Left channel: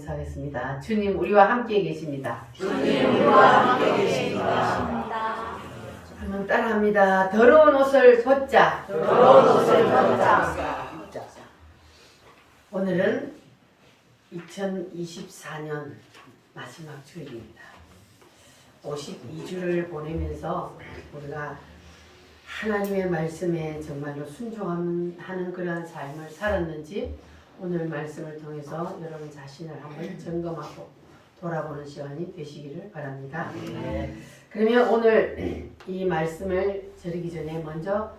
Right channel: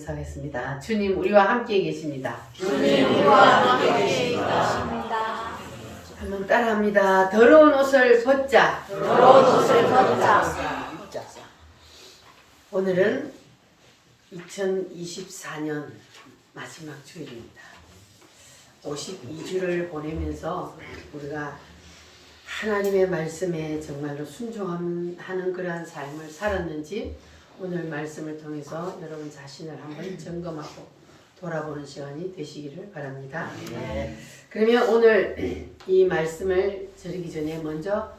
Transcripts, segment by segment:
인사하겠습니다. 주님 우리와 함께 계십니다. 주님 우리와 함께 계십니다. 한번 따라합니다. 더러운 옷을 벗자. 더러운 옷을 벗자. 오늘은 2024년 마지막 주일입니다. 52주를 보내면서 우리가 하나님의 말씀에 정말로 순종하는 그러한 삶을 살았는지 오늘 말씀을 통해서 여러분 자신을 한번 점검하고 돌아보는 시간이 되시기를 바랍니다. 그러면 오늘 이 말씀을 드리기 전에 먼저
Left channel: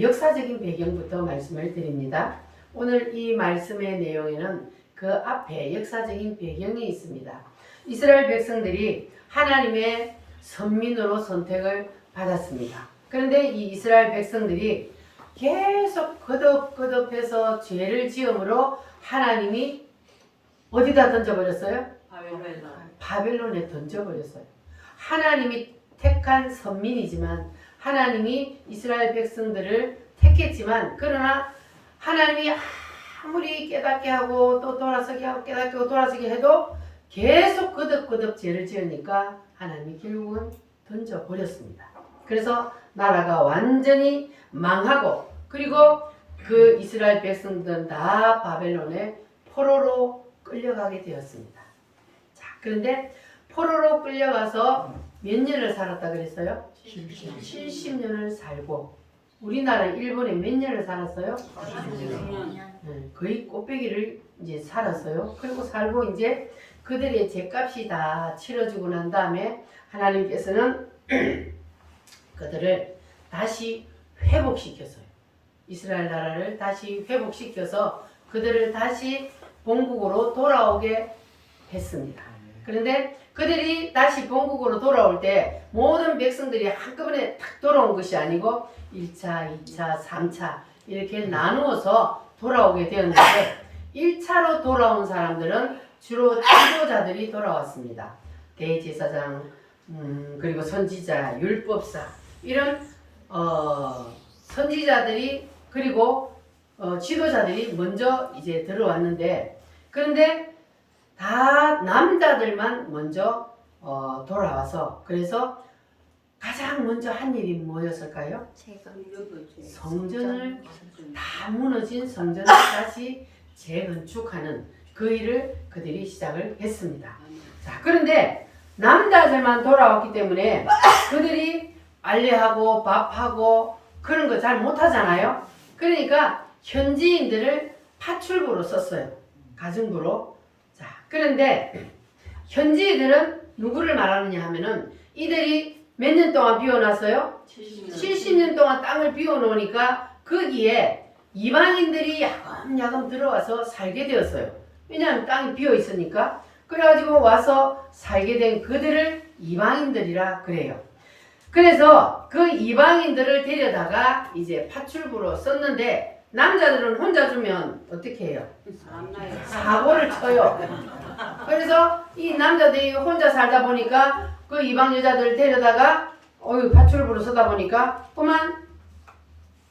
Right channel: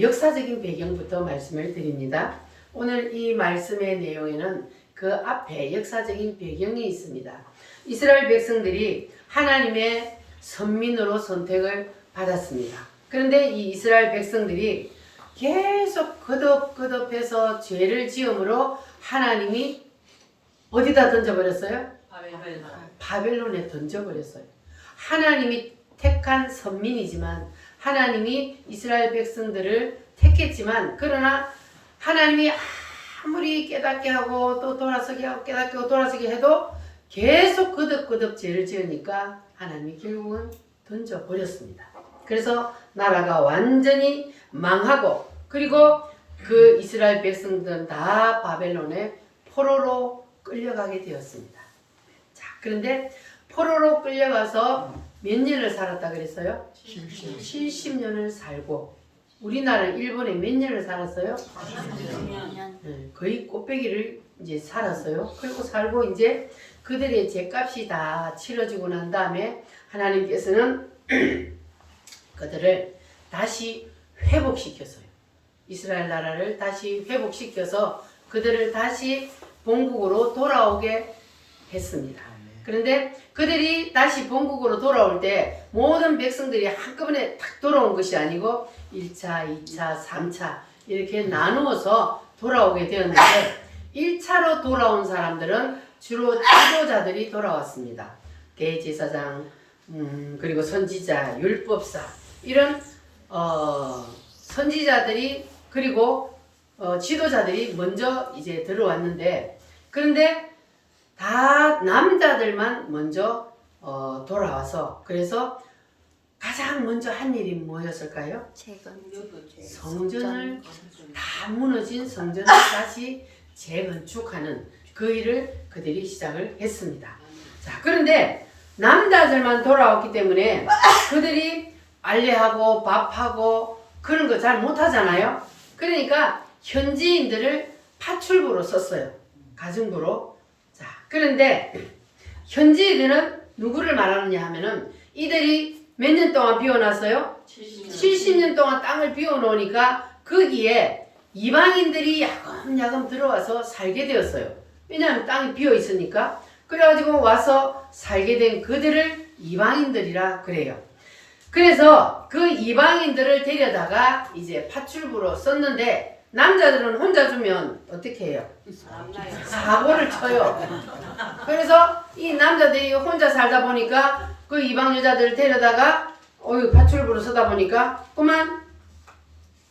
역사적인 배경부터 말씀을 드립니다. 오늘 이 말씀의 내용에는 그 앞에 역사적인 배경이 있습니다. 이스라엘 백성들이 하나님의 선민으로 선택을 받았습니다. 그런데 이 이스라엘 백성들이 계속 거듭거듭해서 죄를 지음으로 하나님이 어디다 던져버렸어요? 바벨론에 던져버렸어요. 하나님이 택한 선민이지만 하나님이 이스라엘 백성들을 택했지만 그러나 하나님이 아무리 깨닫게 하고 또 돌아서게 하고 깨닫게 하고 돌아서게 해도 계속 거듭거듭 죄를 지으니까 하나님이 결국은 던져버렸습니다. 그래서 나라가 완전히 망하고 그리고 그 이스라엘 백성들은 다 바벨론의 포로로 끌려가게 되었습니다. 자, 그런데 포로로 끌려가서 몇 년을 살았다 그랬어요? 70년을 살고 우리나라 일본에 몇 년을 살았어요? 40년. 거의 꽃배기를 이제 살았어요. 그리고 살고 이제 그들의 죄값이 다 치러지고 난 다음에 하나님께서는 그들을 다시 회복시켰어요. 이스라엘 나라를 다시 회복시켜서 그들을 다시 본국으로 돌아오게 했습니다. 그런데 그들이 다시 본국으로 돌아올 때 모든 백성들이 한꺼번에 탁 돌아온 것이 아니고 1차, 2차, 3차 이렇게 나누어서 돌아오게 되었는데 1차로 돌아온 사람들은 주로 지도자들이 돌아왔습니다. 대제사장, 그리고 선지자, 율법사 이런 선지자들이 그리고 지도자들이 먼저 이제 들어왔는데 그런데 다 남자들만 먼저 돌아와서 그래서 가장 먼저 한 일이 뭐였을까요? 성전을 다 무너진 성전을 다시 재건축하는 그 일을 그들이 시작을 했습니다. 자, 그런데 남자들만 돌아왔기 때문에 그들이 알레하고 밥하고 그런 거 잘 못하잖아요. 그러니까 현지인들을 파출부로 썼어요. 가정부로. 자, 그런데 현지인들은 누구를 말하느냐 하면은 이들이 몇 년 동안 비워놨어요? 70년 동안 땅을 비워놓으니까 거기에 이방인들이 야금야금 들어와서 살게 되었어요. 왜냐하면 땅이 비어있으니까. 그래가지고 와서 살게 된 그들을 이방인들이라 그래요. 그래서 그 이방인들을 데려다가 이제 파출부로 썼는데 남자들은 혼자 주면 어떻게 해요? 사고를 쳐요. 그래서 이 남자들이 혼자 살다 보니까 그 이방 여자들을 데려다가 파출부로 쓰다 보니까 그만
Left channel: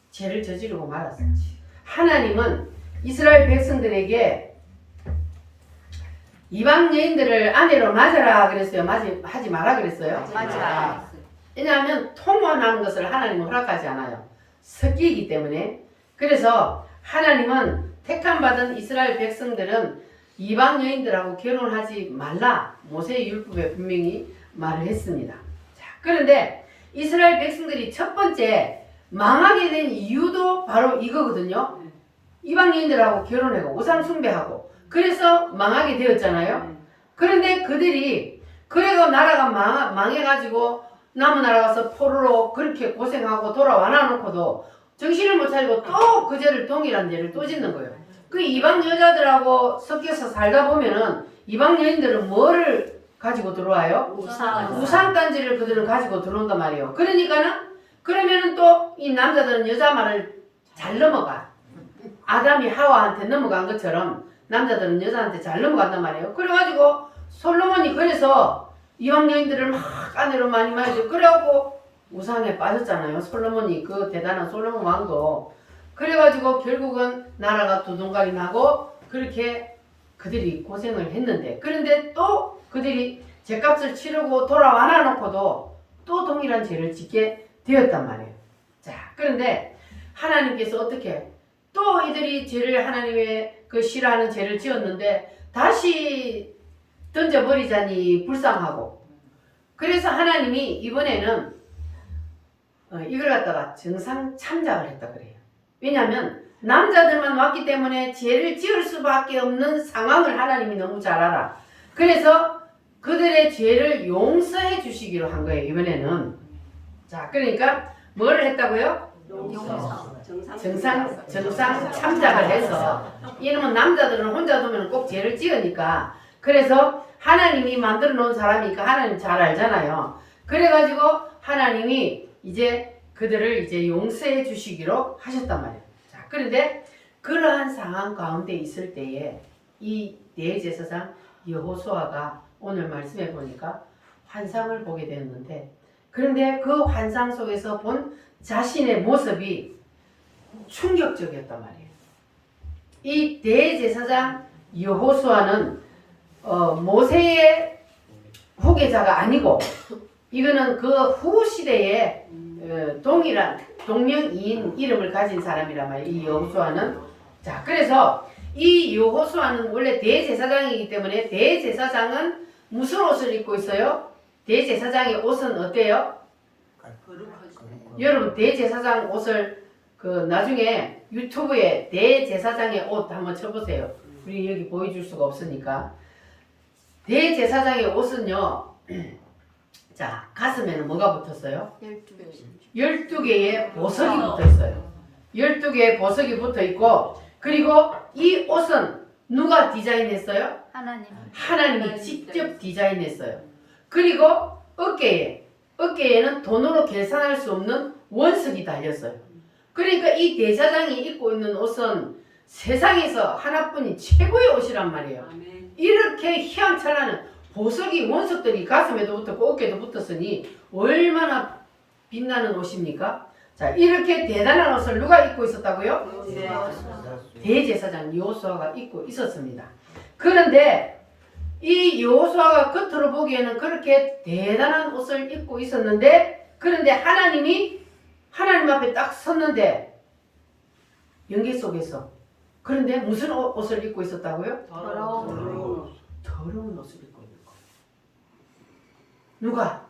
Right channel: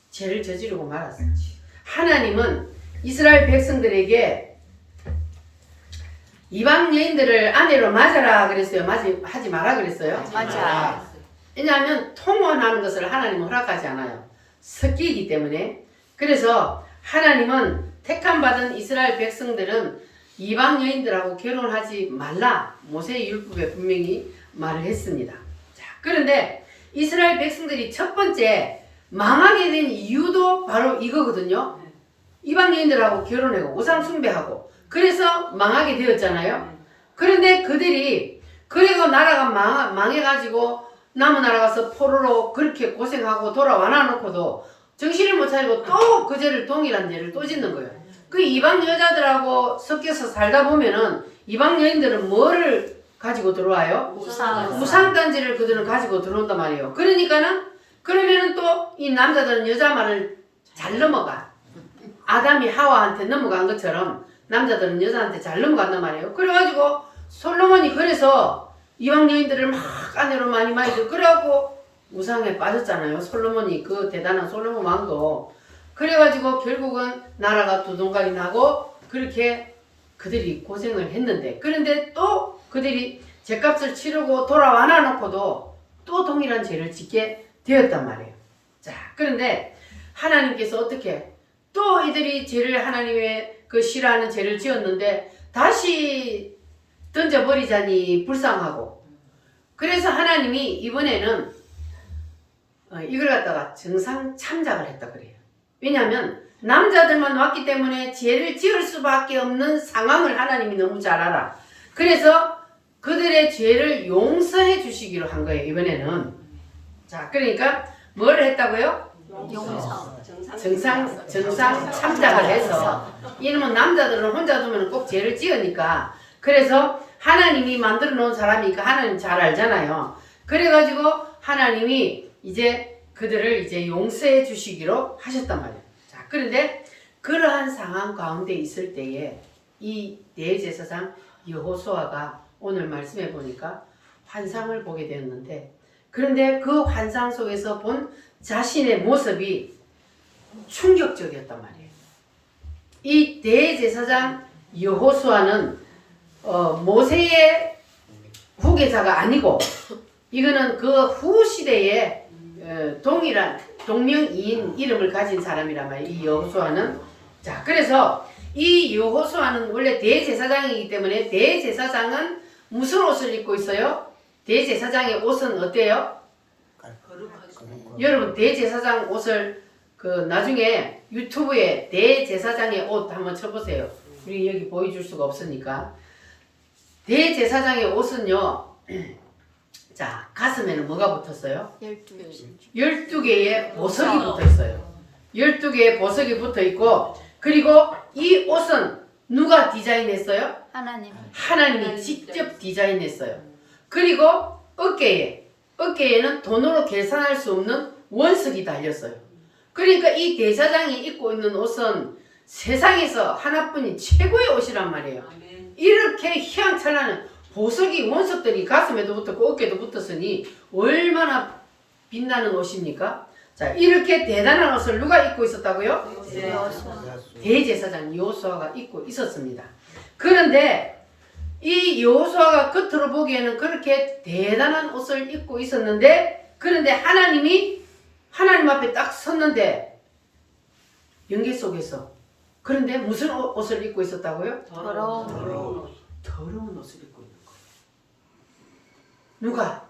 죄를 저지르고 말았어요. 하나님은 이스라엘 백성들에게 이방 여인들을 아내로 맞아라 그랬어요? 하지 마라 그랬어요? 맞아. 왜냐하면 통혼하는 것을 하나님은 허락하지 않아요. 섞이기 때문에. 그래서 하나님은 택함받은 이스라엘 백성들은 이방 여인들하고 결혼하지 말라 모세의 율법에 분명히 말을 했습니다. 자, 그런데 이스라엘 백성들이 첫 번째 망하게 된 이유도 바로 이거거든요. 이방 여인들하고 결혼하고 우상 숭배하고 그래서 망하게 되었잖아요. 그런데 그들이 그래도 나라가 망해가지고 남은 나라 가서 포로로 그렇게 고생하고 돌아와 놔놓고도 정신을 못 차리고 또 그 죄를 동일한 죄를 또 짓는 거예요. 그 이방 여자들하고 섞여서 살다 보면은 이방 여인들은 뭐를 가지고 들어와요? 우상단지를 그들은 가지고 들어온단 말이에요. 그러면은 또 이 남자들은 여자 말을 잘 넘어가. 아담이 하와한테 넘어간 것처럼 남자들은 여자한테 잘 넘어간단 말이에요. 그래가지고 솔로몬이 그래서 이방 여인들을 막 아내로 많이 그래갖고 우상에 빠졌잖아요. 솔로몬이 그 대단한 솔로몬 왕도. 그래가지고 결국은 나라가 두동갈이 나고 그렇게 그들이 고생을 했는데 그런데 또 그들이 죄값을 치르고 돌아와 놓고도 또 동일한 죄를 짓게 되었단 말이에요. 자, 그런데 하나님께서 어떻게 또 이들이 죄를 하나님의 그 싫어하는 죄를 지었는데 다시 던져버리자니 불쌍하고 그래서 하나님이 이번에는 이걸 갖다가 정상 참작을 했다 그래요. 왜냐하면 남자들만 왔기 때문에 죄를 지을 수밖에 없는 상황을 하나님이 너무 잘 알아. 그래서 그들의 죄를 용서해 주시기로 한 거예요. 이번에는. 자, 그러니까 뭘 했다고요? 용서. 정상 참작을 해서 이놈은 남자들은 혼자 두면 꼭 죄를 지으니까 그래서 하나님이 만들어 놓은 사람이니까 하나님 잘 알잖아요. 그래가지고 하나님이 이제 그들을 이제 용서해 주시기로 하셨단 말이에요. 자, 그런데 그러한 상황 가운데 있을 때에 이 대제사장 여호수아가 오늘 말씀해 보니까 환상을 보게 되었는데 그런데 그 환상 속에서 본 자신의 모습이 충격적이었단 말이에요. 이 대제사장 여호수아는 모세의 후계자가 아니고 이거는 그 후 시대에 동일한 동명이인 이름을 가진 사람이란 말이에요. 이 여호수아는. 자, 그래서 이 여호수아는 원래 대제사장이기 때문에 대제사장은 무슨 옷을 입고 있어요? 대제사장의 옷은 어때요? 여러분 대제사장 옷을 그 나중에 유튜브에 대제사장의 옷 한번 쳐보세요. 우리 여기 보여줄 수가 없으니까. 대제사장의 옷은요. 자, 가슴에는 뭐가 붙었어요? 12개의 보석이 붙어 있어요. 12개의 보석이 붙어 있고 그리고 이 옷은 누가 디자인했어요? 하나님이 직접 디자인했어요. 그리고 어깨에는 돈으로 계산할 수 없는 원석이 달렸어요. 그러니까 이 대사장이 입고 있는 옷은 세상에서 하나뿐인 최고의 옷이란 말이에요. 이렇게 휘황찬란한 보석이 원석들이 가슴에도 붙었고 어깨도 붙었으니 얼마나 빛나는 옷입니까? 자, 이렇게 대단한 옷을 누가 입고 있었다고요? 대제사장 여호수아가 입고 있었습니다. 그런데 이 여호수아가 겉으로 보기에는 그렇게 대단한 옷을 입고 있었는데 그런데 하나님 앞에 딱 섰는데 연계 속에서 그런데 무슨 옷을 입고 있었다고요? 더러운 옷을 입고 있는 거예요. 누가?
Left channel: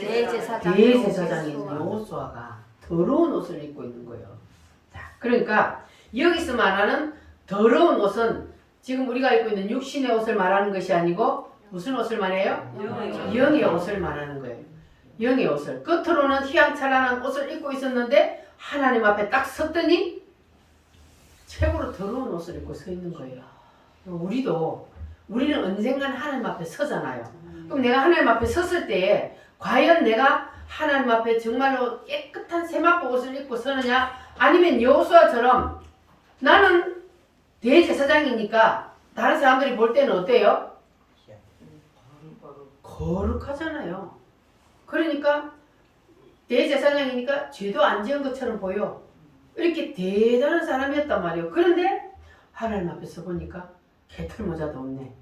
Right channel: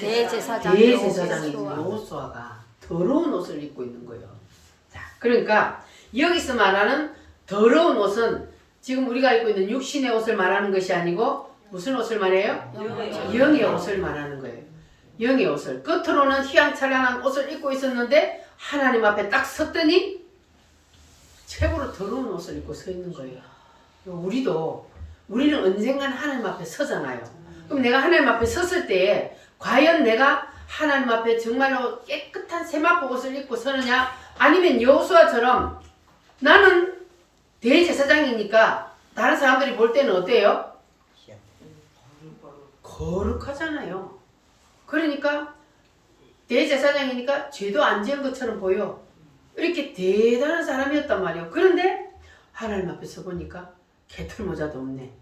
대제사장인 여호수아가 더러운 옷을 입고 있는 거예요. 자, 그러니까 여기서 말하는 더러운 옷은 지금 우리가 입고 있는 육신의 옷을 말하는 것이 아니고 무슨 옷을 말해요? 영의 옷을 말하는 거예요. 영의 옷을. 겉으로는 휘황찬란한 옷을 입고 있었는데 하나님 앞에 딱 섰더니 최고로 더러운 옷을 입고 서 있는 거예요. 우리는 언젠간 하나님 앞에 서잖아요. 그럼 내가 하나님 앞에 섰을 때 과연 내가 하나님 앞에 정말로 깨끗한 세마포 옷을 입고 서느냐 아니면 여호수아처럼 나는 대제사장이니까 다른 사람들이 볼 때는 어때요? 거룩하잖아요. 그러니까 대제사장이니까 죄도 안 지은 것처럼 보여. 이렇게 대단한 사람이었단 말이에요. 그런데 하나님 앞에 서 보니까 개털 모자도 없네.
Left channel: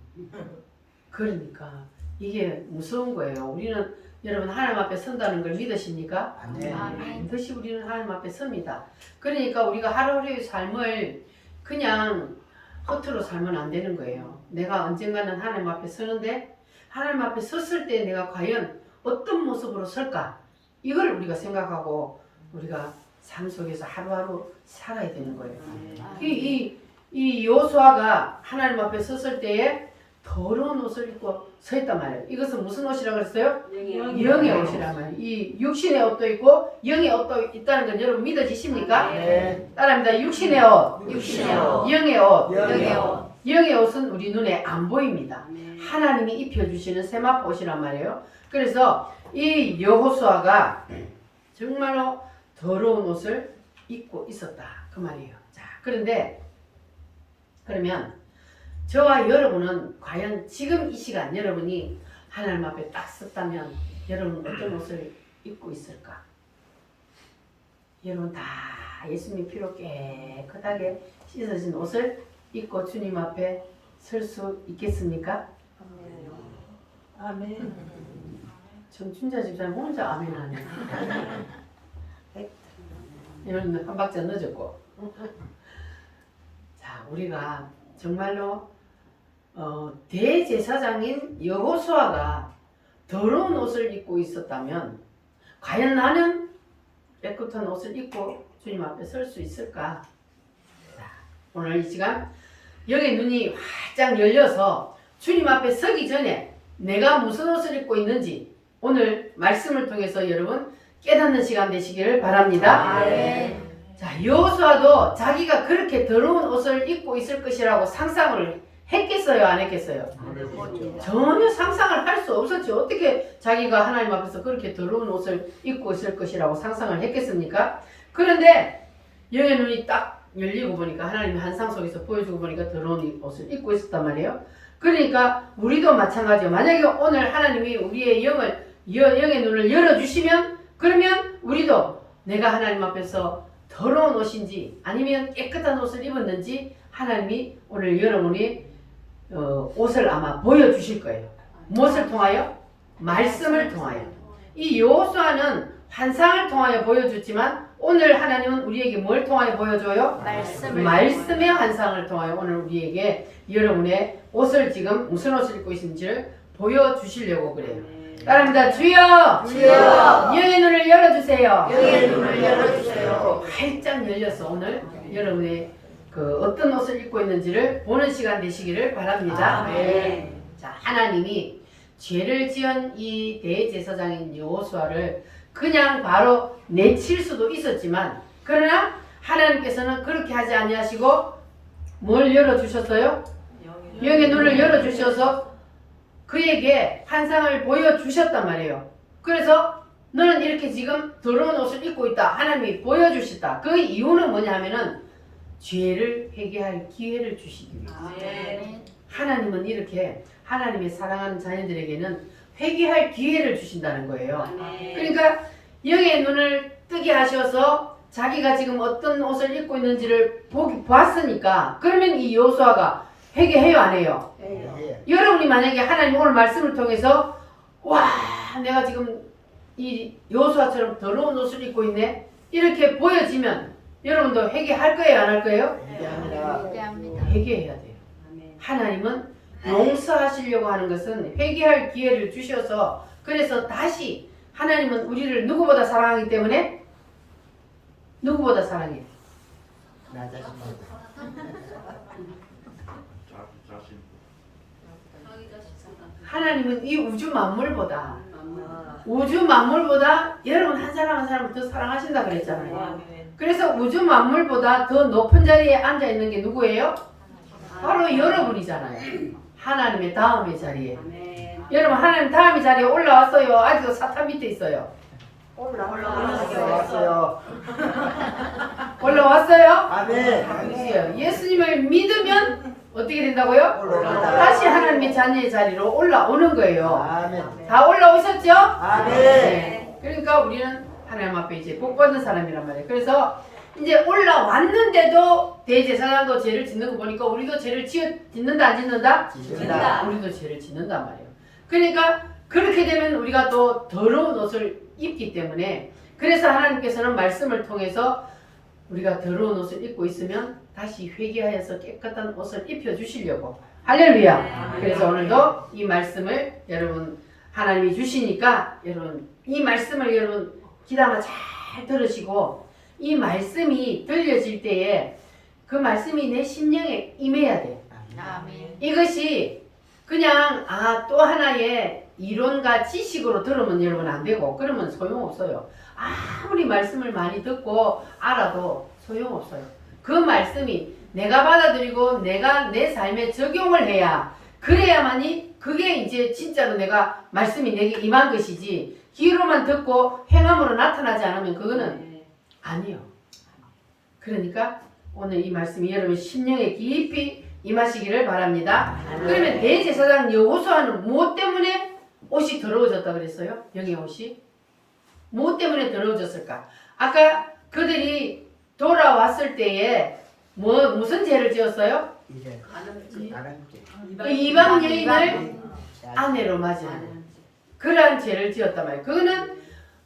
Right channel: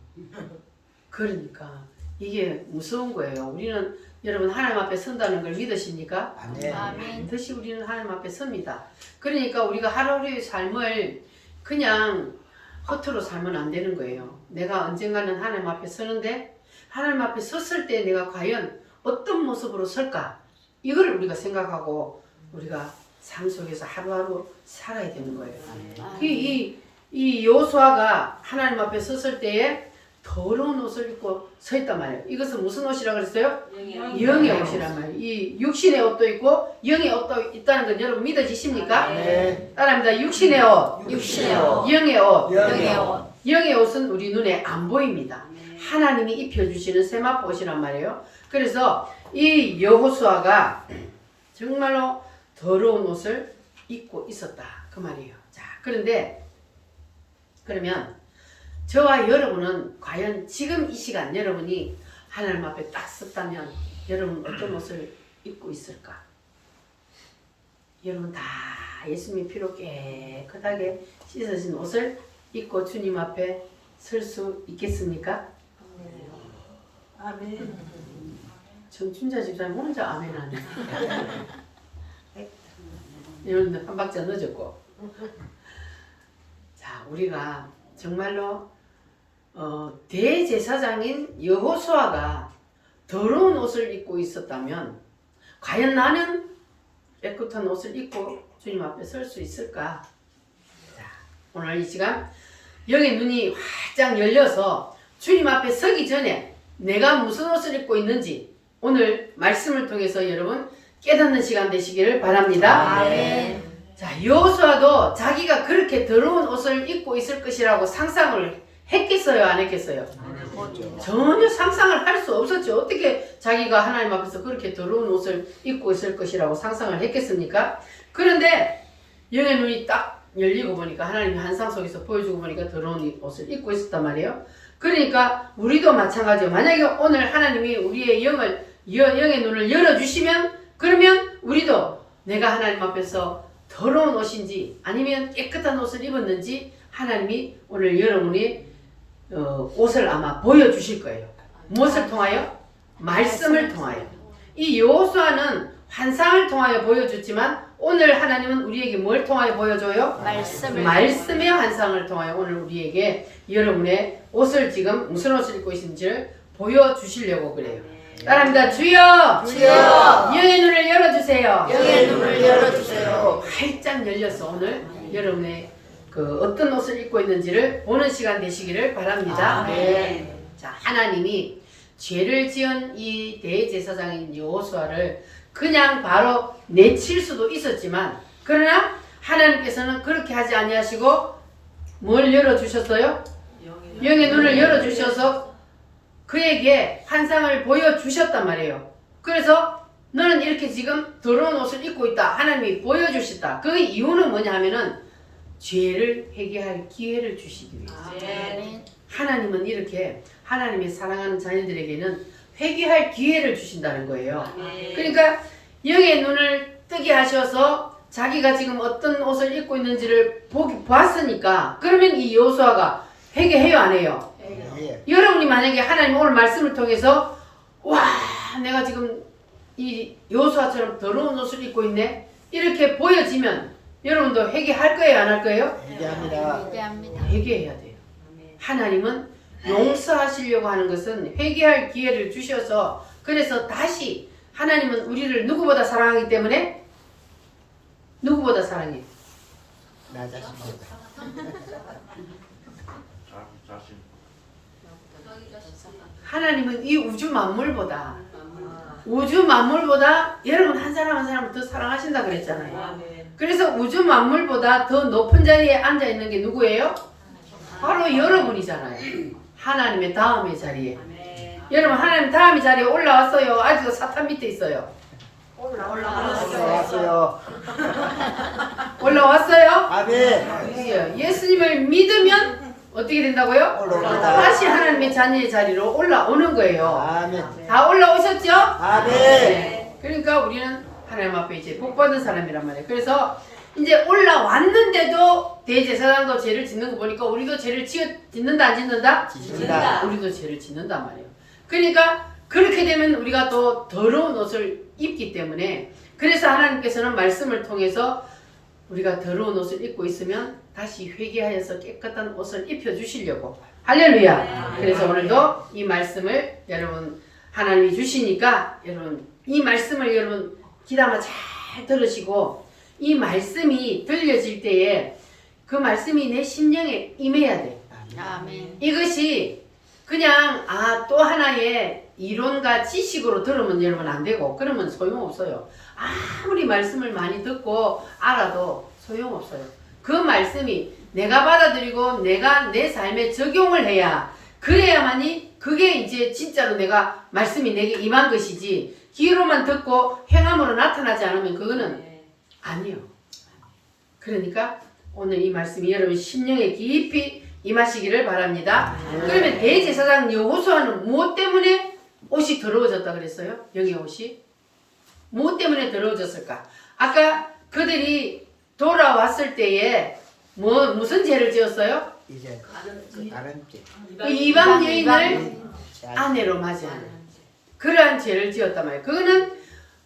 그러니까 이게 무서운 거예요. 우리는 여러분 하나님 앞에 선다는 걸 믿으십니까? 반드시 우리는 하나님 앞에 섭니다. 그러니까 우리가 하루하루의 삶을 그냥 허투루 살면 안 되는 거예요. 내가 언젠가는 하나님 앞에 서는데 하나님 앞에 섰을 때 내가 과연 어떤 모습으로 설까? 이걸 우리가 생각하고 우리가 삶 속에서 하루하루 살아야 되는 거예요. 이 여호수아가 하나님 앞에 섰을 때에 더러운 옷을 입고 서 있단 말이에요. 이것은 무슨 옷이라고 그랬어요? 영의 옷이란 말이에요. 이 육신의 옷도 있고 영의 옷도 있다는 건 여러분 믿어지십니까? 네. 따라합니다. 육신의 옷, 영의 옷. 영의 옷은 우리 눈에 안 보입니다. 하나님이 입혀주시는 세마포 옷이란 말이에요. 그래서 이 여호수아가 정말로 더러운 옷을 입고 있었다 그 말이에요. 자, 그러면 저와 여러분은 과연 지금 이 시간 여러분이 하나님 앞에 딱 섰다면 여러분 어떤 옷을 입고 있을까? 여러분 다 예수님의 피로 깨끗하게 씻어진 옷을 입고 주님 앞에 설 수 있겠습니까? 아멘. 정춘자 집사님 혼자 아멘하네. 이런 한 박자 늦었고. 자, 우리가 정말로 대제사장인 여호수아가 더러운 옷을 입고 있었다면 과연 나는 깨끗한 옷을 입고 주님 앞에 설 수 있을까? 자, 오늘 이 시간 영의 눈이 활짝 열려서 주님 앞에 서기 전에 내가 무슨 옷을 입고 있는지 오늘 말씀을 통해서 여러분 깨닫는 시간 되시기를 바랍니다. 아멘. 자, 여호수아도 자기가 그렇게 더러운 옷을 입고 있을 것이라고 상상을 했겠어요, 안 했겠어요? 전혀 상상을 할 수 없었죠. 어떻게 자기가 하나님 앞에서 그렇게 더러운 옷을 입고 있을 것이라고 상상을 했겠습니까? 그런데 영의 눈이 딱 열리고 보니까 하나님이 환상 속에서 보여주고 보니까 더러운 옷을 입고 있었단 말이에요. 그러니까 우리도 마찬가지예요. 만약에 오늘 하나님이 우리의 영의 눈을 열어주시면 그러면 우리도 내가 하나님 앞에서 더러운 옷인지 아니면 깨끗한 옷을 입었는지 하나님이 오늘 여러분이 옷을 아마 보여주실 거예요. 무엇을 통하여? 말씀을 통하여. 이 여호수아는 환상을 통하여 보여줬지만 오늘 하나님은 우리에게 뭘 통하여 보여줘요? 말씀의 환상을 통하여 오늘 우리에게 여러분의 옷을 지금 무슨 옷을 입고 있는지를 보여주시려고 그래요. 따라합니다. 주여! 주여! 영의 눈을 열어주세요. 영의 눈을 열어주세요. 활짝 열려서 오늘 여러분의 그 어떤 옷을 입고 있는지를 보는 시간 되시기를 바랍니다. 아멘. 자, 하나님이 죄를 지은 이 대제사장인 여호수아를 그냥 바로 내칠 수도 있었지만 그러나 하나님께서는 그렇게 하지 아니하시고 뭘 열어주셨어요? 영의 눈을 열어주셔서 그에게 환상을 보여주셨단 말이에요. 그래서 너는 이렇게 지금 더러운 옷을 입고 있다. 하나님이 보여주셨다. 그 이유는 뭐냐 하면은 죄를 회개할 기회를 주시기 위해서. 하나님은 이렇게 하나님의 사랑하는 자녀들에게는 회개할 기회를 주신다는 거예요. 그러니까 영의 눈을 뜨게 하셔서 자기가 지금 어떤 옷을 입고 있는지를 봤으니까 그러면 이 여호수아가 회개해요, 안 해요? 여러분이 만약에 하나님 오늘 말씀을 통해서 와, 내가 지금 이 여호수아처럼 더러운 옷을 입고 있네 이렇게 보여지면 여러분도 회개할 거예요, 안 할 거예요? 회개해야 돼요. 하나님은 용서하시려고 하는 것은 회개할 기회를 주셔서 그래서 다시 하나님은 우리를 누구보다 사랑하기 때문에 누구보다 사랑해? 나 자신보다. 자신. 하나님은 이 우주 만물보다 여러분 한 사람 한 사람을 더 사랑하신다 그랬잖아요. 그래서 우주 만물보다 더 높은 자리에 앉아 있는 게 누구예요? 바로 여러분이잖아요. 하나님의 다음의 자리에. 여러분 하나님 다음의 자리에 올라왔어요? 아직도 사탄 밑에 있어요? 올라왔어요. 올라왔어요? 아멘. 예수님을 믿으면 어떻게 된다고요? 올라옵니다. 다시 하나님의 자녀의 자리로 올라오는 거예요. 아멘. 다 올라오셨죠? 아멘. 네. 그러니까 우리는 하나님 앞에 이제 복받은 사람이란 말이에요. 그래서 이제 올라왔는데도 대제사장도 죄를 짓는 거 보니까 우리도 죄를 짓는다 안 짓는다? 짓는다. 우리도 죄를 짓는단 말이에요. 그러니까 그렇게 되면 우리가 또 더러운 옷을 입기 때문에 그래서 하나님께서는 말씀을 통해서 우리가 더러운 옷을 입고 있으면 다시 회개하여서 깨끗한 옷을 입혀주시려고 할렐루야. 그래서 오늘도 이 말씀을 여러분 하나님이 주시니까 여러분 이 말씀을 여러분 귀담아 잘 들으시고 이 말씀이 들려질 때에 그 말씀이 내 심령에 임해야 돼. 이것이 그냥 또 하나의 이론과 지식으로 들으면 여러분 안 되고 그러면 소용없어요. 아무리 말씀을 많이 듣고 알아도 소용없어요. 그 말씀이 내가 받아들이고 내가 내 삶에 적용을 해야 그래야만이 그게 이제 진짜로 내가 말씀이 내게 임한 것이지 귀로만 듣고 행함으로 나타나지 않으면 그거는 아니에요. 그러니까 오늘 이 말씀이 여러분 심령에 깊이 임하시기를 바랍니다. 그러면 대제사장 여호수아는 무엇 때문에 옷이 더러워졌다 그랬어요? 영의 옷이? 무엇 때문에 더러워졌을까? 아까 그들이 돌아왔을 때에 무슨 죄를 지었어요? 이제 다른 이방 여인을 아내로 맞이하는 그러한 죄를 지었단 말이에요. 그거는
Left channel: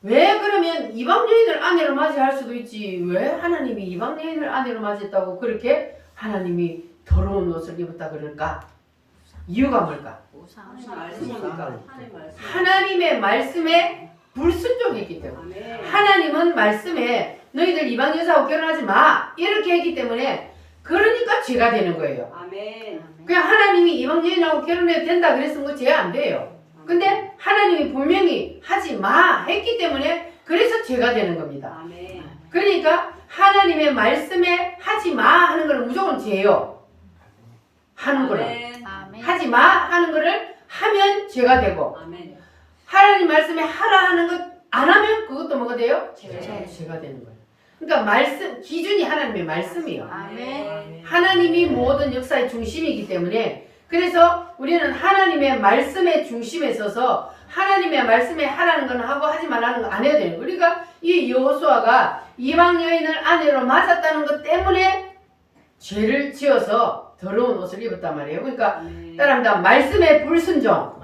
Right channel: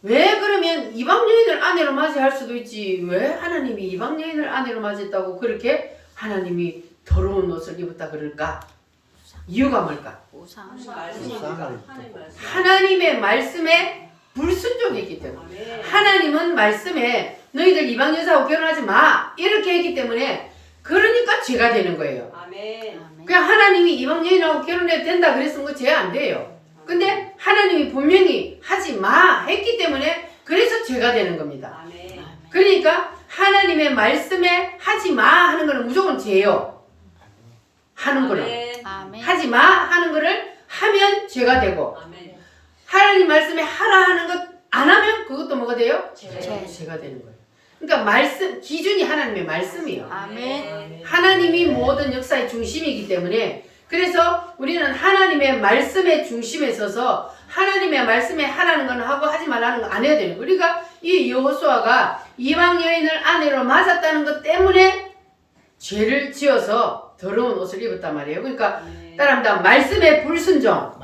왜 그러면 이방 여인을 아내로 맞이할 수도 있지 왜 하나님이 이방 여인을 아내로 맞이했다고 그렇게 하나님이 더러운 옷을 입었다 그럴까? 이유가 뭘까? 하나님의 말씀에 불순종했기 때문에 하나님은 말씀에 너희들 이방 여자하고 결혼하지 마 이렇게 했기 때문에 그러니까 죄가 되는 거예요. 그냥 하나님이 이방 여인하고 결혼해도 된다 그랬으면 그 죄 안 돼요. 근데 하나님이 분명히 하지 마 했기 때문에 그래서 죄가 되는 겁니다. 그러니까 하나님의 말씀에 하지 마 하는 거는 무조건 죄요. 하는 거는 하지 마 하는 거를 하면 죄가 되고 하나님 말씀에 하라 하는 것 안 하면 그것도 뭐가 돼요? 죄가 되는 거예요. 그러니까 말씀 기준이 하나님의 말씀이에요. 하나님이 모든 역사의 중심이기 때문에 그래서 우리는 하나님의 말씀의 중심에 서서 하나님의 말씀에 하라는 건 하고 하지 말라는 거 안 해야 되는 거예요. 우리가 이 여호수아가 이방 여인을 아내로 맞았다는 것 때문에 죄를 지어서 더러운 옷을 입었단 말이에요. 그러니까 따라합니다. 말씀에 불순종.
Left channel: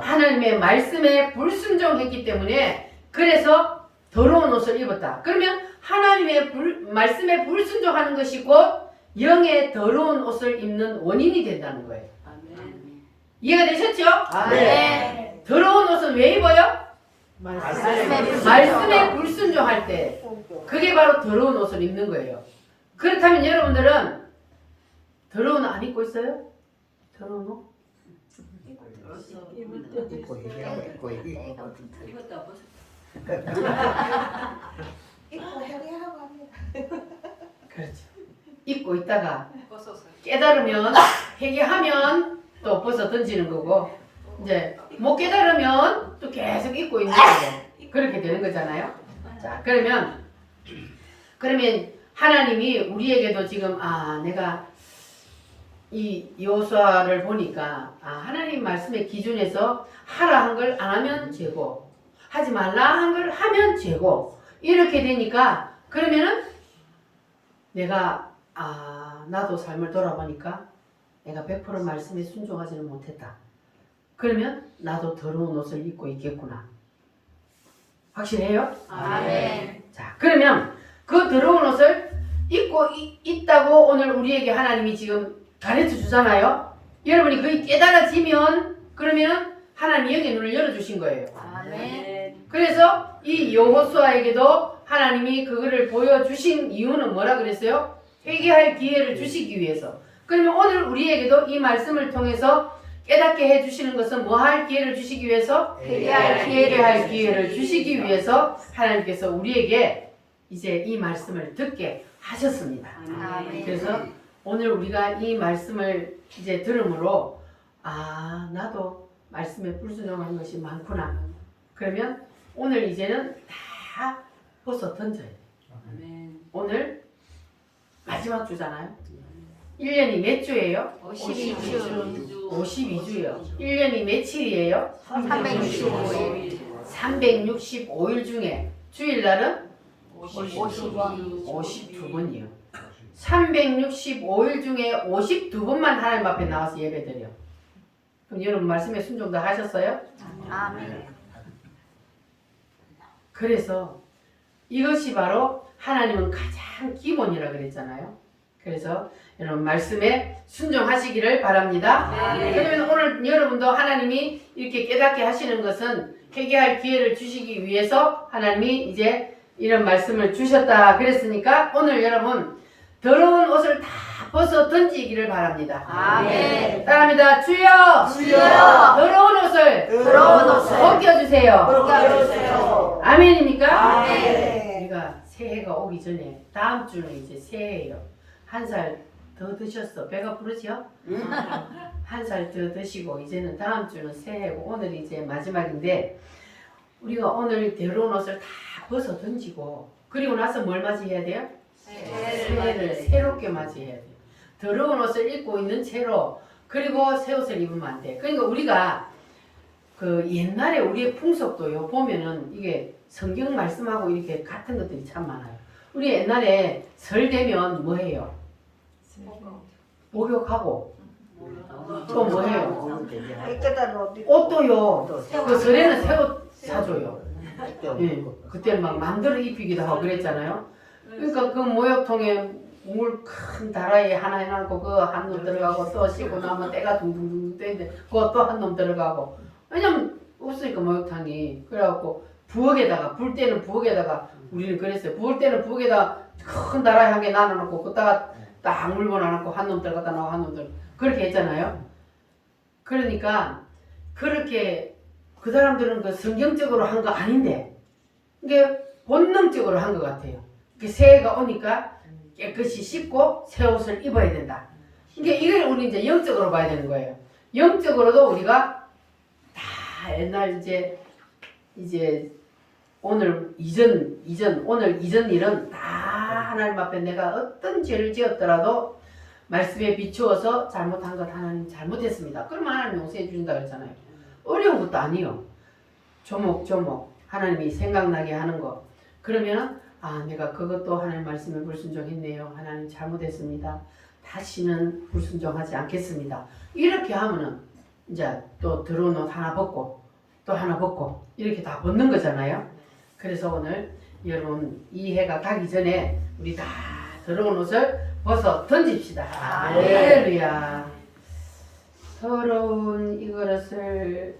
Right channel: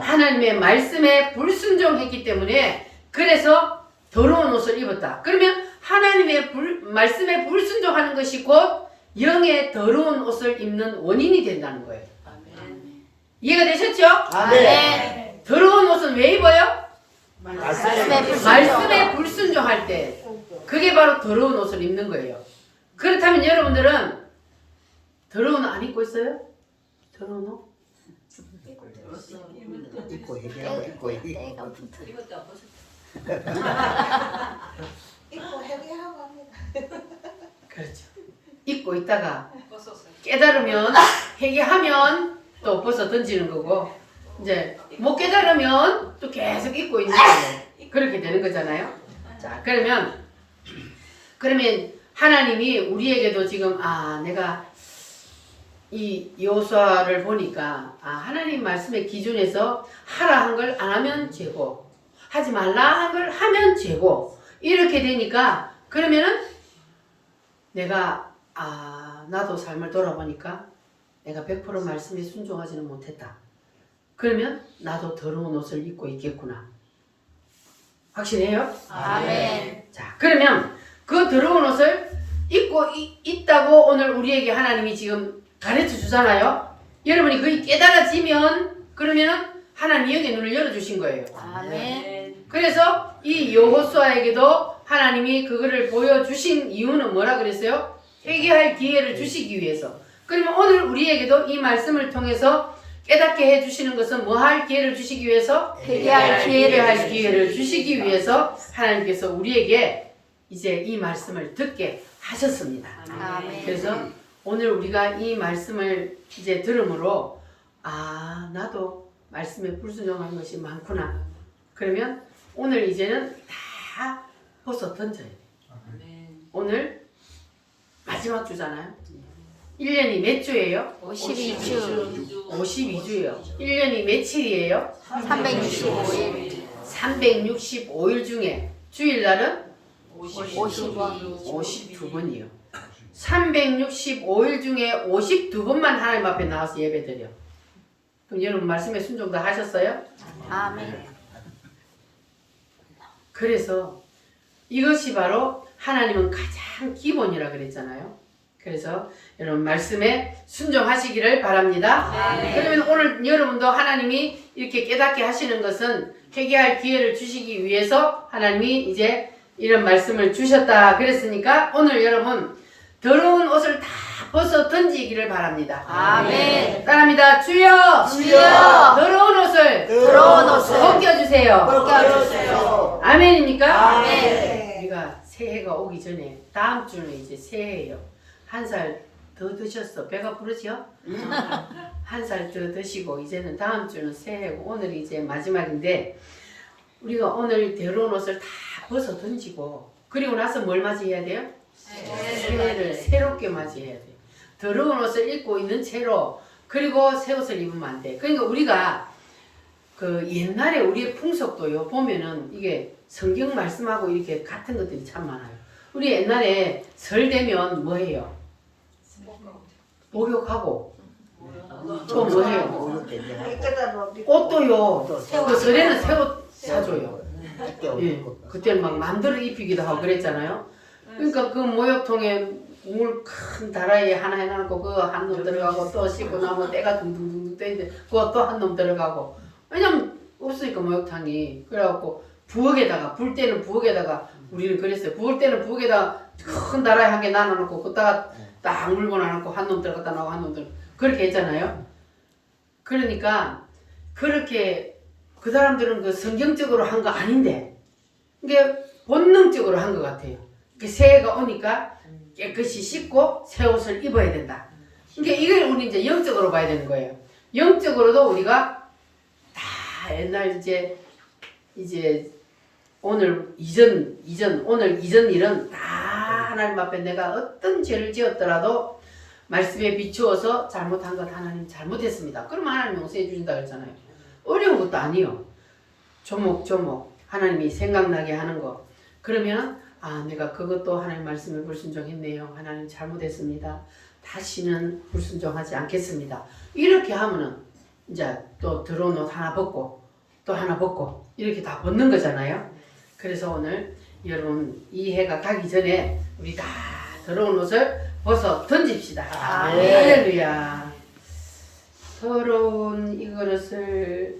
하나님의 말씀에 불순종했기 때문에 그래서 더러운 옷을 입었다. 그러면 하나님의 말씀에 불순종하는 것이 곧 영의 더러운 옷을 입는 원인이 된다는 거예요. 이해가 되셨죠? 더러운 옷은 왜 입어요? 말씀에 불순종할 때 그게 바로 더러운 옷을 입는 거예요. 그렇다면 여러분들은 더러운 옷 안 입고 있어요? 더러운 옷? 입고 회개하고 합니다. 그렇죠. 입고 있다가 깨달으면 회개하면 또 벗어 던지는 거고 이제 못 깨달으면 또 계속 입고 있는 거고 그렇게 되는 거잖아요. 자 그러면 하나님이 우리에게도 지금 내가 이 여호수아를 보니까 하나님 말씀의 기준에서 하라 한 걸 안 하면 죄고 하지 말라 한 걸 하면 죄고 이렇게 되니까 그러면은 내가 나도 삶을 돌아보니까 내가 100% 말씀에 순종하지는 못했다. 그러면 나도 더러운 옷을 입고 있겠구나. 확실해요? 자 그러면 그 더러운 옷을 입고 있다고 오늘 우리에게 하나님이 지금 가르쳐 주잖아요. 여러분이 그게 깨달아지면 그러면 하나님이 여기 눈을 열어주신 거예요. 그래서 이 여호수아에게도 하나님이 그거를 보여주신 이유는 뭐라 그랬어요? 회개할 기회를 주시기 위해서. 그러면 오늘 우리에게도 이 말씀을 통해서 깨닫게 해주시는 것은 뭐 할 기회를 주시기 위해서? 회개할 기회를 주시기 위해서 하나님께서 우리에게 이제 이 말씀을 듣게 하셨습니다. 그래서 오늘 우리가 이 말씀을 이제 들음으로 나도 말씀에 불순종하는 것이 많구나. 그러면 오늘 이제는 다 벗어 던져야 돼. 오늘 마지막 주잖아요. 1년이 몇 주예요? 52주. 52주예요. 1년이 며칠이에요? 365일. 365일 중에 주일날은 52. 52번이요. 365일 중에 52번만 하나님 앞에 나와서 예배드려. 그럼 여러분 말씀에 순종 다 하셨어요? 아멘. 그래서 이것이 바로 하나님은 가장 기본이라 그랬잖아요. 그래서 여러분 말씀에 순종하시기를 바랍니다. 그러면 오늘 여러분도 하나님이 이렇게 깨닫게 하시는 것은 회개할 기회를 주시기 위해서 하나님이 이제 이런 말씀을 주셨다 그랬으니까 오늘 여러분 더러운 옷을 다 벗어 던지기를 바랍니다. 아멘. 따라합니다. 주여 더러운 옷을 벗겨주세요. 아멘입니까? 아멘. 우리가 새해가 오기 전에 다음 주는 이제 새해예요. 한 살 더 드셨어. 배가 부르죠? 한 살 더 드시고 이제는 다음 주는 새해고 오늘이 이제 마지막인데 우리가 오늘 더러운 옷을 다 벗어 던지고 그리고 나서 뭘 맞이해야 돼요? 새해를 새롭게 맞이해야 돼요. 더러운 옷을 입고 있는 채로 그리고 새 옷을 입으면 안 돼. 그러니까 우리가 그 옛날에 우리의 풍속도요 보면은 이게 성경 말씀하고 이렇게 같은 것들이 참 많아요. 우리 옛날에 설 되면 뭐 해요? 목욕하고 또 뭐 해요? 깨끗한 옷 옷도요. 그 설에는 새 옷 사줘요. 예, 그때는 막 맘대로 입히기도 하고 그랬잖아요. 그러니까 그 목욕통에 물 큰 다라이에 하나 해놓고 그거 한 놈 들어가고 또 씻고 나면 때가 둥둥둥 떠있는데 그거 또 한 놈 들어가고 왜냐면 없으니까 목욕탕이 그래갖고 부엌에다가 불 때는 부엌에다가 우리는 그랬어요. 부을 때는 부엌에다가 큰 다라이 한 개 나눠놓고 그다가 딱 물건 놔놓고 한 놈 들어갔다 나오고 한 놈 들어 그렇게 했잖아요. 그러니까 그렇게 그 사람들은 그 성경적으로 한 거 아닌데 이게 본능적으로 한 것 같아요. 새해가 오니까 깨끗이 씻고 새 옷을 입어야 된다. 그러니까 이걸 우리 이제 영적으로 봐야 되는 거예요. 영적으로도 우리가 다 옛날 이제 오늘 이전 오늘 이전 일은 다 하나님 앞에 내가 어떤 죄를 지었더라도 말씀에 비추어서 잘못한 것 하나님 잘못했습니다. 그러면 하나님 용서해 주신다 그랬잖아요. 어려운 것도 아니요. 조목조목 하나님이 생각나게 하는 거. 그러면 아 내가 그것도 하나님 말씀에 불순종했네요. 하나님 잘못했습니다. 다시는 불순종하지 않겠습니다. 이렇게 하면은 이제 또 들어온 옷 하나 벗고 또 하나 벗고 이렇게 다 벗는 거잖아요. 그래서 오늘 여러분 이 해가 가기 전에 우리 다 들어온 옷을 벗어 던집시다. 할렐루야. 더러운 이 그릇을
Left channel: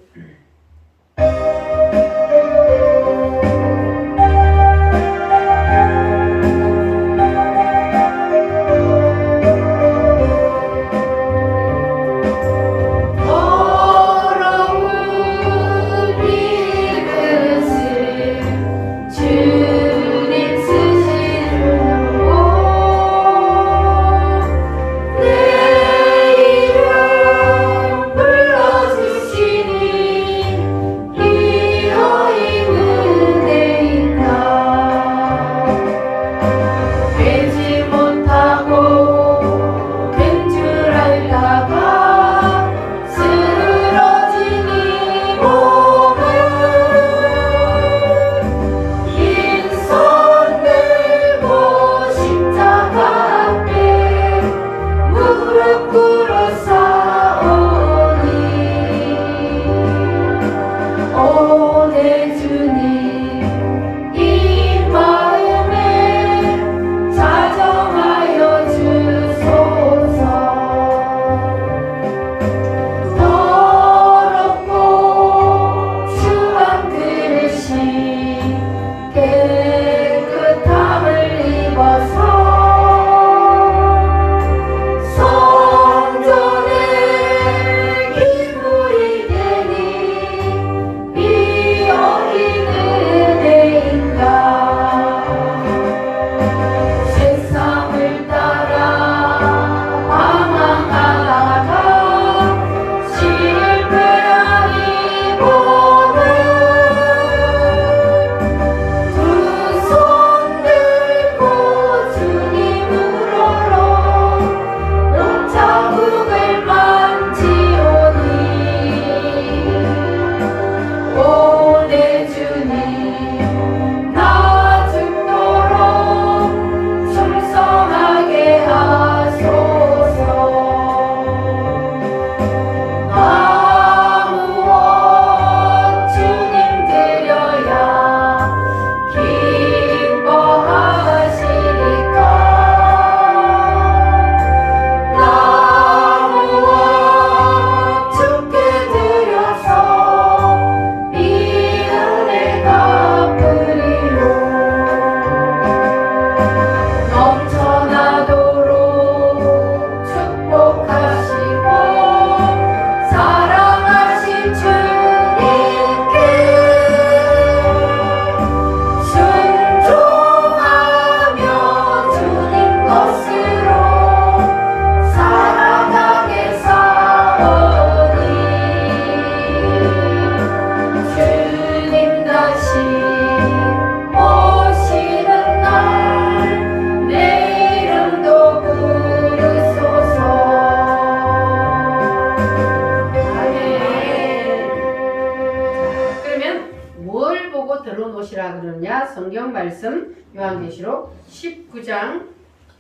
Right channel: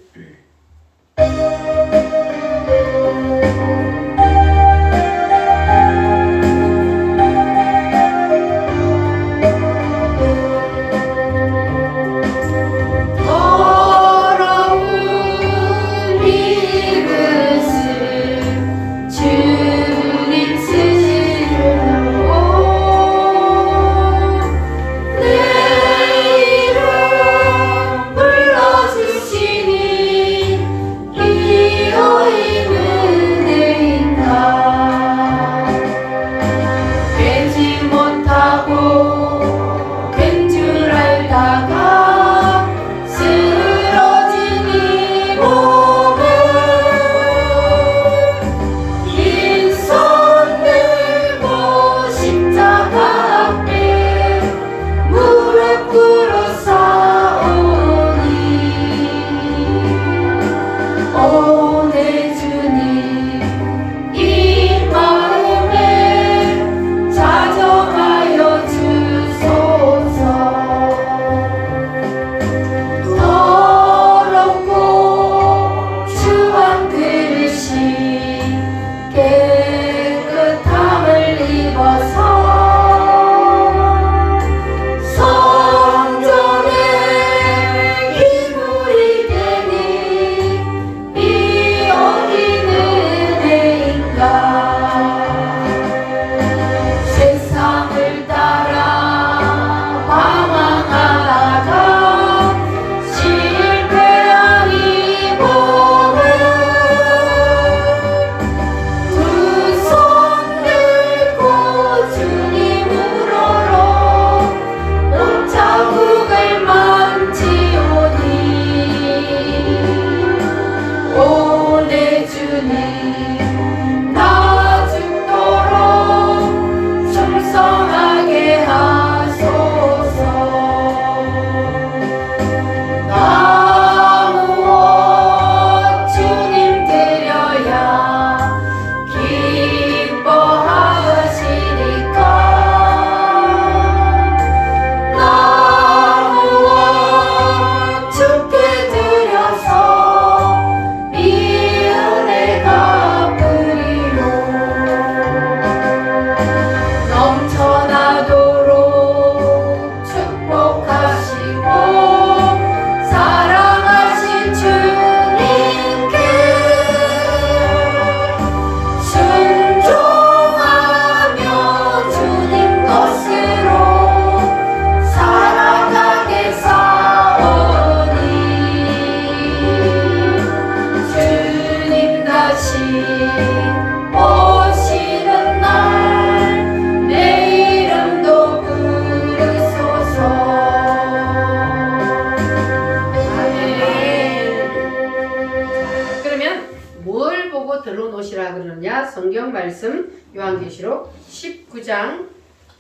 성경 말씀 요한계시록 19장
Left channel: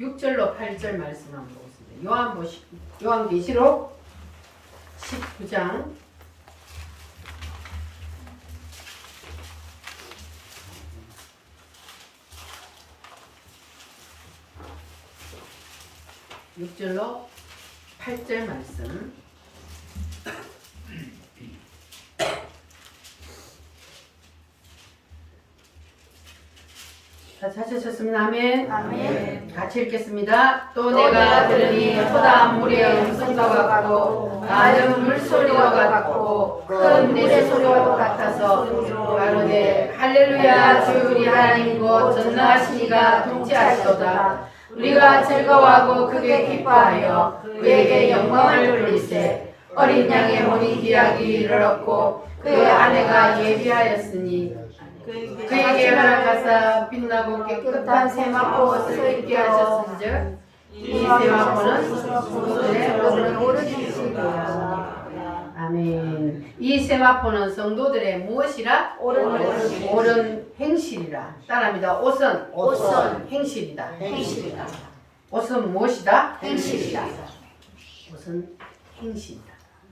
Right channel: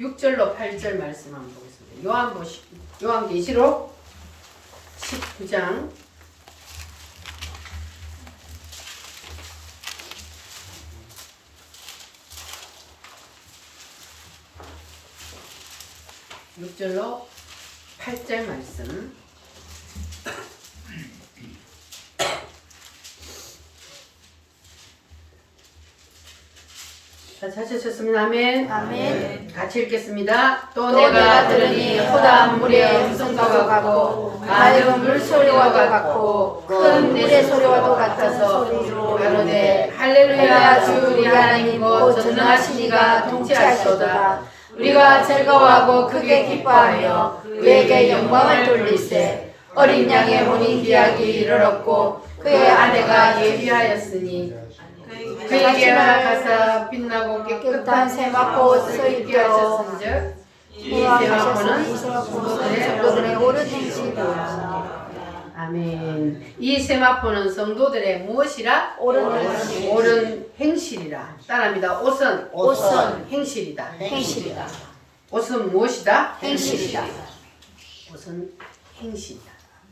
6절로 8절 말씀 한번 보겠습니다. 요한계시록 19장 6절로 8절 말씀. 다 찾으셨습니다. 아멘. 아멘. 같이 읽겠습니다. 또 내가 들으니 호담 물의 음성과 같고 많은 물소리와 같고 큰 내 소리와도 같아서 가로되 할렐루야 주 우리 하나님 곧 전능하신 이가 통치하시도다. 우리가 즐거워하고 크게 기뻐하여 그에게 영광을 돌리세. 어린 양의 혼인 기약이 이르렀고 그의 아내가 예비하였으니 그에게 허락하사 빛나고 깨끗한 세마포 옷을 입게 하셨은즉 이 세마포는 성도들의 오른 행실이라. 아멘. 이 세마포는 성도들의 무엇이라? 옳은 행실이라. 따라합니다. 옷은 행실이다. 행실이다. 옷은 무엇이다? 행실이다. 옷은 행실이다.